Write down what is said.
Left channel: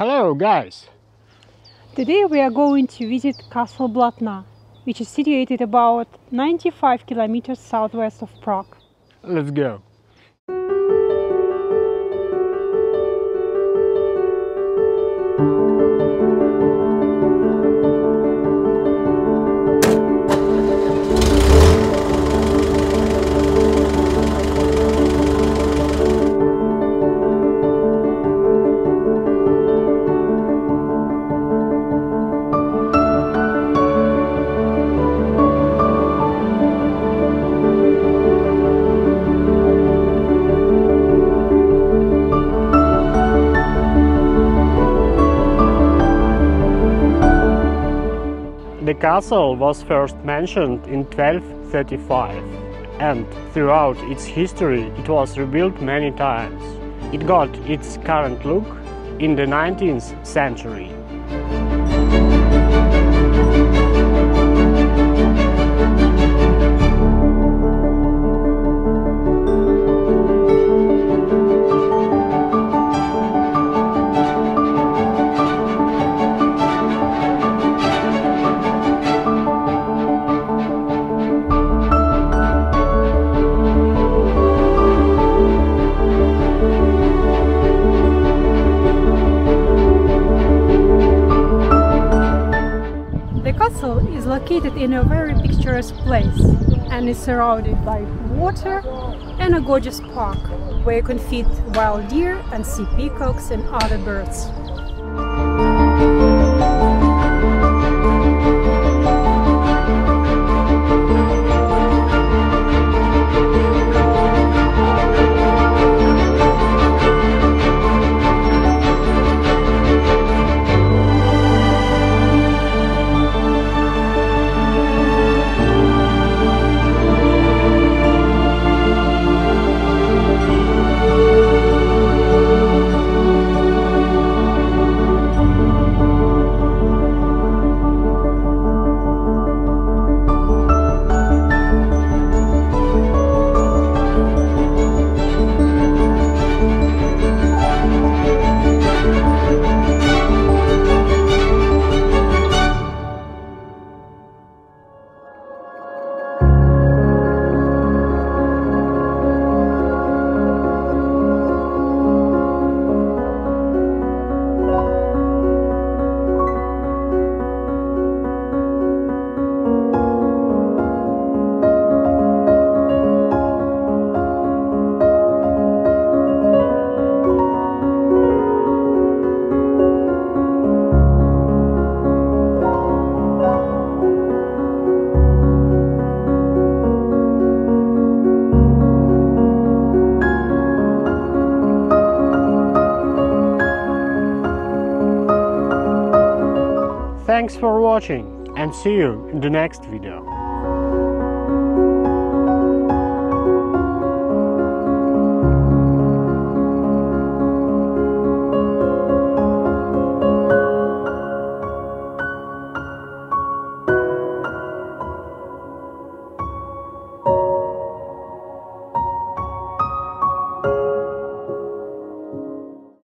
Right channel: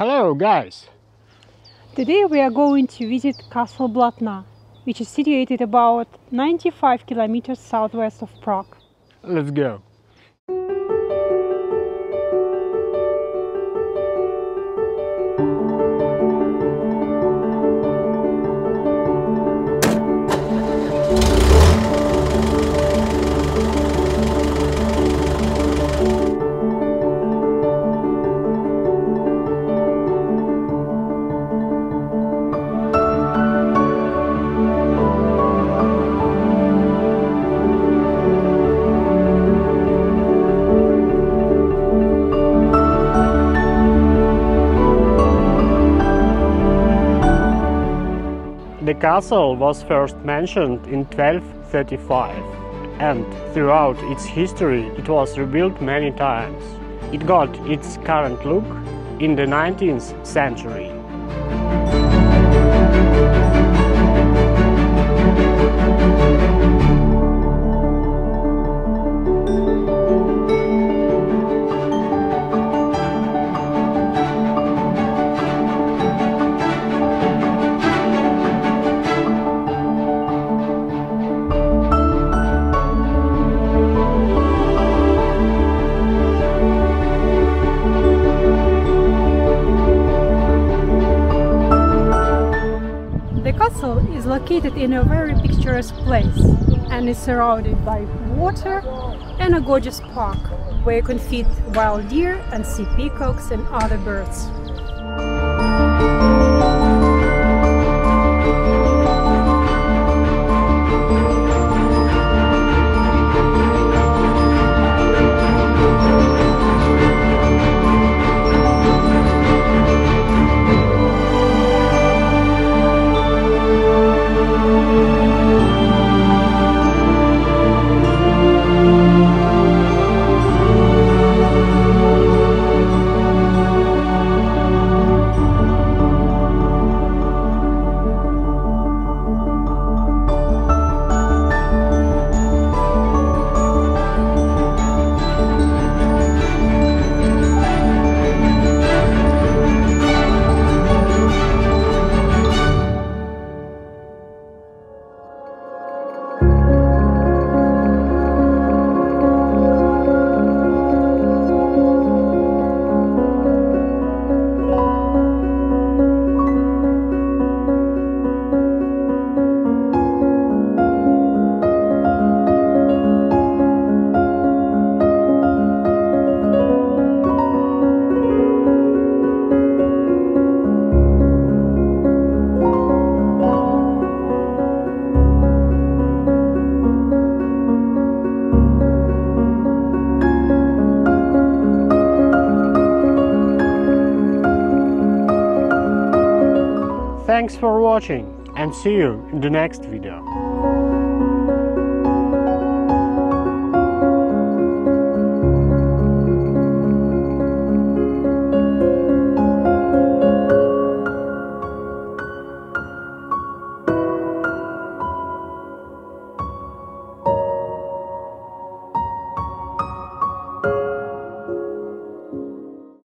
Hello guys! Today we are going to visit Castle Blatna, which is situated about 95 kilometers southwest of Prague. Let's go! The castle was first mentioned in 1235, and throughout its history it was rebuilt many times. It got its current look in the 19th century. The castle is located in a very picturesque place and is surrounded by water and a gorgeous park where you can feed wild deer and see peacocks and other birds. Thanks for watching and see you in the next video.